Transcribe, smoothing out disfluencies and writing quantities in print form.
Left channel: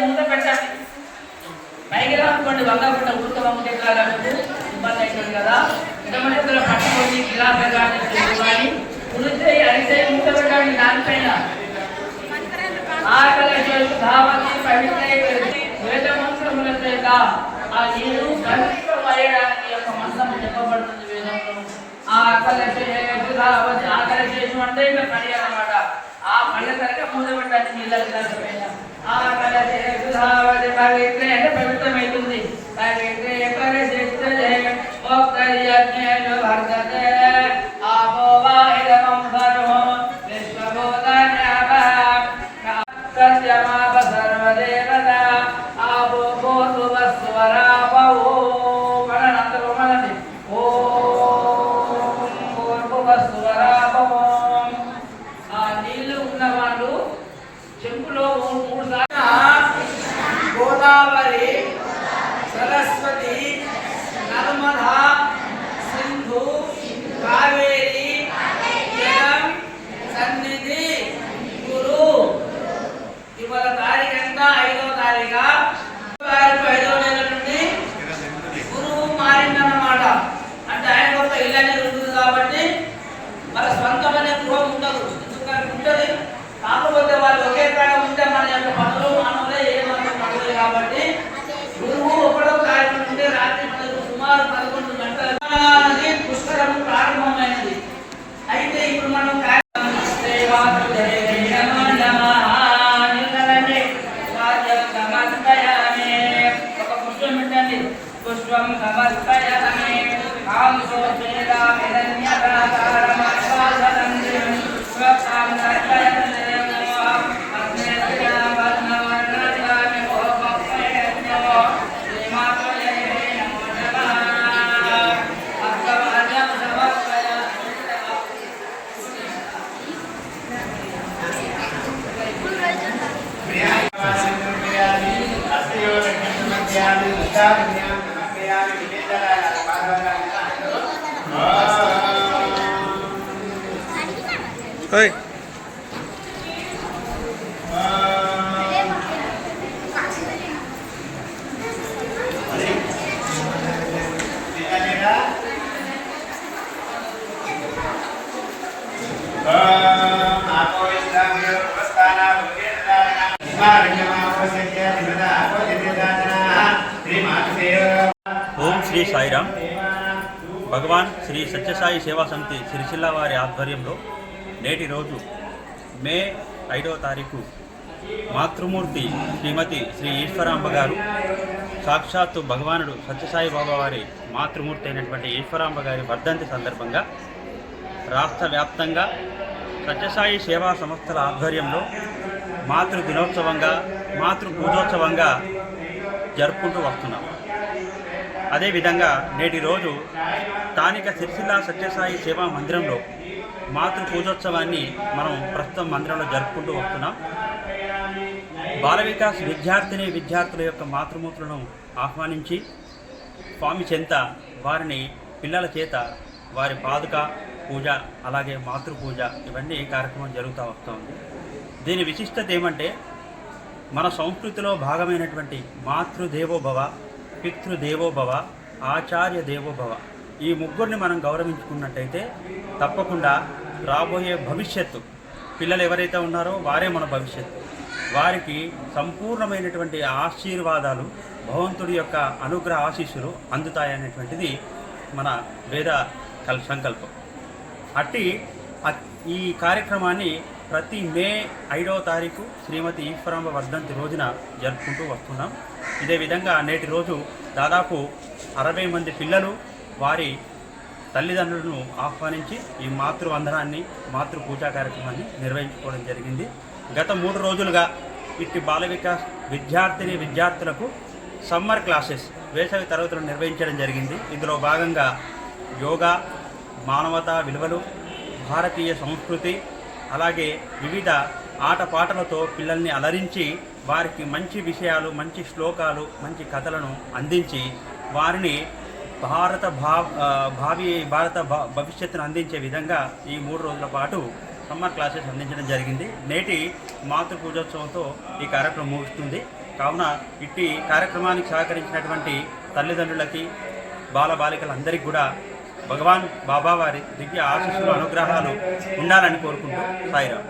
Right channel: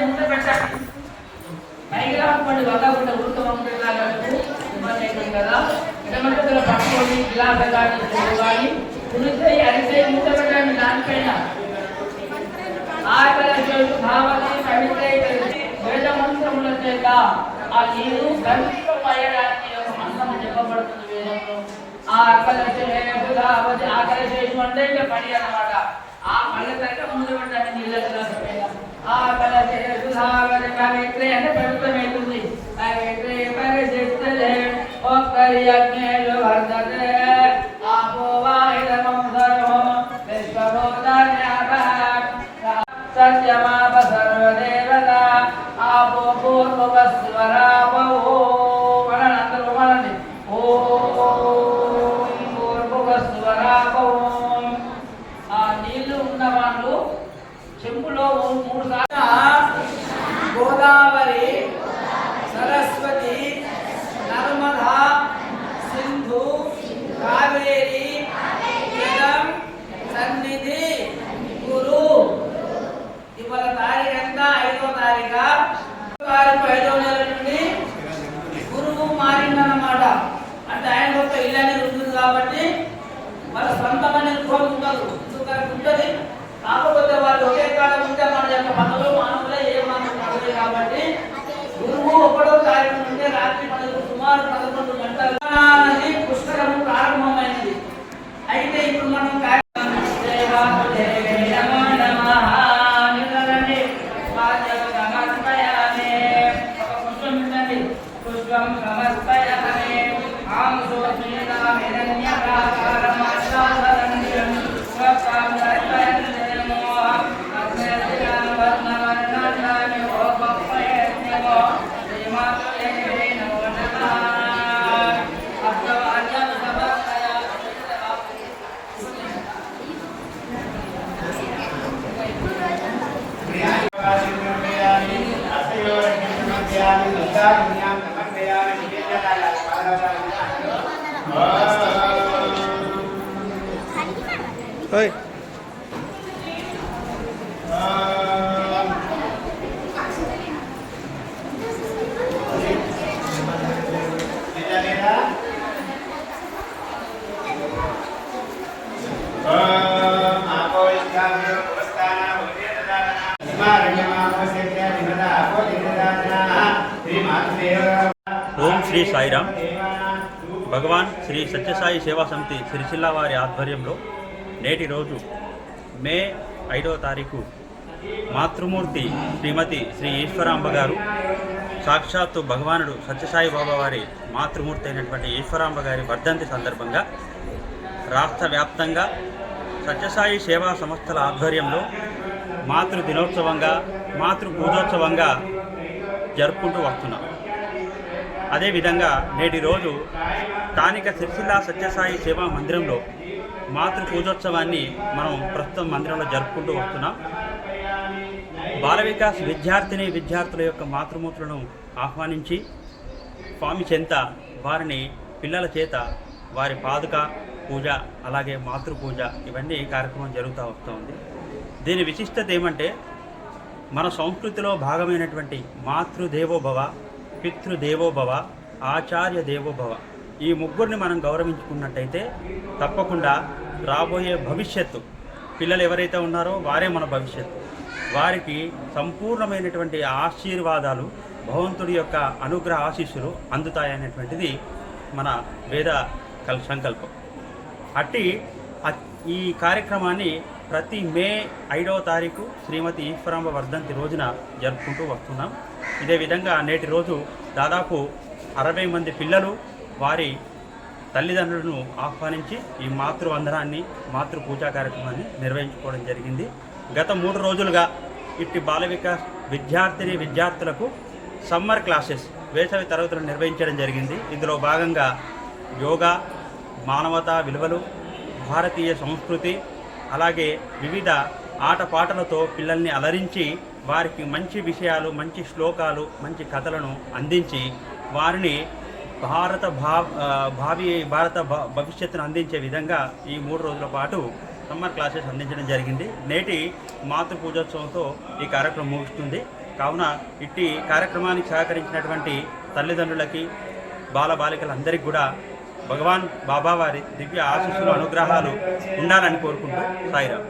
ముందు పెట్టండి. పైకి రాకుండా వంగకుండా ఊరుకోమంటే ఇబ్బంది అయిపోయింది కదా. ఎటువంటి పట్టుకొని గిలాసగా కానీ కుదిరితే అరిసే ముందు పెట్టండి. దానిపైన ఆకలి చేసి ధావతి పవిత్ర వేదమంత్రముల చేత ఆ నీరు బంధింపబడడానికి ఒక మంత్రం చెప్పబడుతుంది వేదంలో. ఆకలి చేసి అంటే ఇంకా పని అన్నమాట. ఆ పని కనుక ముందు పెట్టండి నీళ్ళ గిలాస పైన. ఆకలి చేసి ధావతి పవిత్ర అంటే పవిత్రమైతుంది. పవిత్రే పరిశిష్టతే ఓక్తర్యజ్ఞేషు వర్తతే ఆపో వాహిరమం సర్వం విశ్వభూతాన్యాపః సత్యమాప సర్వదేవత ఆపో భూర్భువస్వరాపో అందరూ మనండి. ఓం భూర్భువస్వరాపో. ఆ నీళ్లు ఉన్న వాళ్ళు చెంపులో 3 సార్లు గోదావరి, సరస్వతి, నర్మదా, సింధు, కావేరి జలం సన్నిధి గురు. ఇవాళ తారీఖు ఎంత? 5వ తారీఖు. 5వ నెల నుండి గురువు మారిందన్నమాట. అంటే ఆయన గొప్ప ఇళ్ళని ఉంటుంది కాబట్టి వాళ్ళ స్వంతమైన గృహం ఉండదు. ఉంటుంది కాకపోతే వాళ్ళు ఒకే కాడ ఉంటే మన యొక్క పనులు మానవులే ఏ మనం పడలేదు కాబట్టి గురువు 1వ తారీఖు నుండి రాత్రి సుమారు 11 గంటల పుష్కరం ప్రారంభమైనది. అయితే ఇప్పుడు మనం పుష్పం సమర్పయామి. Hey. ఓం శ్రీ సాయిరాం. భగవాన్ శ్రీ సత్యసాయి సేవా సమితి సిరిసిల్ల వారి ఆధ్వర్యంలో నేటి రోజు మే 5వ తారీఖు మాతృమూర్తి శ్రీమతి శ్రీ ఈశ్వరాంబ గారు, సాక్షాత్తు భగవానుడు సత్యసాయి బాబా వారి మాతృమూర్తి అయినటువంటి ఈశ్వరాంబ గారి వర్ధంతి సందర్భంగా రాష్ట్ర వ్యాప్తంగా సత్యసాయి సేవా సంస్థల ఆధ్వర్యంలో మాతృ దినోత్సవంగా, మాతృ పూజోత్సవంగా జరుపుకుంటూ వస్తున్నాం. అదేవిధంగా నేటి రోజు స్థానిక సిరిసిల్ల సత్యసాయి సేవా మందిరంలో మాతృ పూజోత్సవాన్ని మనం ప్రస్తుతం మందిరంలో జరుపుకుంటూ వస్తున్నాం. బాల వికాస్ విద్యార్థుల యొక్క మాతృమూర్తులను ఆహ్వానించి స్వామి చెంత వారిని పిల్లల చేత వారి పాదుక పూజ, అలాగే మాతృ పూజ, ఇవన్నీ కార్యక్రమం జరుగుతూ వస్తుంది. దీని విశిష్టత ఏమంటే, మన సంస్కృతిలో భాగమైనటువంటి మాతృదేవోభవ, పితృదేవోభవ, ఆచార్య దేవోభవ, ఈ ముగ్గురిని మనం గౌరవించుకున్నట్టయితే తప్పకుండా రాబోయే భవిష్యత్తు పిల్లలు ఎవరైతే ఉన్నారో వారే మన భవిష్యత్తు. వారికి సంపూర్ణమైనటువంటి ఆశీర్వాదాలు, భగవంతుడి యొక్క అనుగ్రహ ఆశీస్సులు అందుతాయనేటువంటిది మన వేద సంకల్పం. అట్టి ఈ కార్యక్రమాన్ని ప్రతి మే 5వ తారీఖు శ్రీమతి ఈశ్వరాంబ వర్ధంతి రోజున జరుపుకుంటూ వస్తున్నాం. ఇదే విధంగా నేటి రోజు దాదాపు 60 మంది పిల్లలు వారి తల్లిదండ్రులను ఆహ్వానించి ఈ మాతృవందనాన్ని, మాతృ పూజా కార్యక్రమాన్ని నిర్వహించుకోవడం జరిగింది. గత 3 రోజులుగా ఇట్టి బాల వికాస్ విద్యార్థులకు సమ్మర్ క్లాసెస్, వేసవి తరగతులు నిర్వహించడం జరిగింది. ఇందులో భాగంగా యోగా, మానవతా విలువలు, భారతీయ సంస్కృతి, అలాగే వివిధ ఆటపాటలతో పిల్లల్ని అలరించి వారికి మంచి విషయాలు, మంచి శ్లోకాలు, మంచి కథలను అందించి వారిని భారత భవిష్యత్తును అందించే విధంగా ఈ 3 రోజుల పాటు సమ్మర్ క్లాసెస్ అందించడం జరిగింది. నేటి మాతృ పూజోత్సవంతో ఈ కార్యక్రమం ముగుస్తుంది. కావున ఇట్టి కార్యక్రమానికి సహకరించినటువంటి తల్లిదండ్రులకి బాలబాలికలందరికీ కూడా భగవాన్ బాబా వారి దివ్య ఆశీస్సులు అనుగ్రహాలు ఉండాలని కోరుకుంటూ సాయిరాం.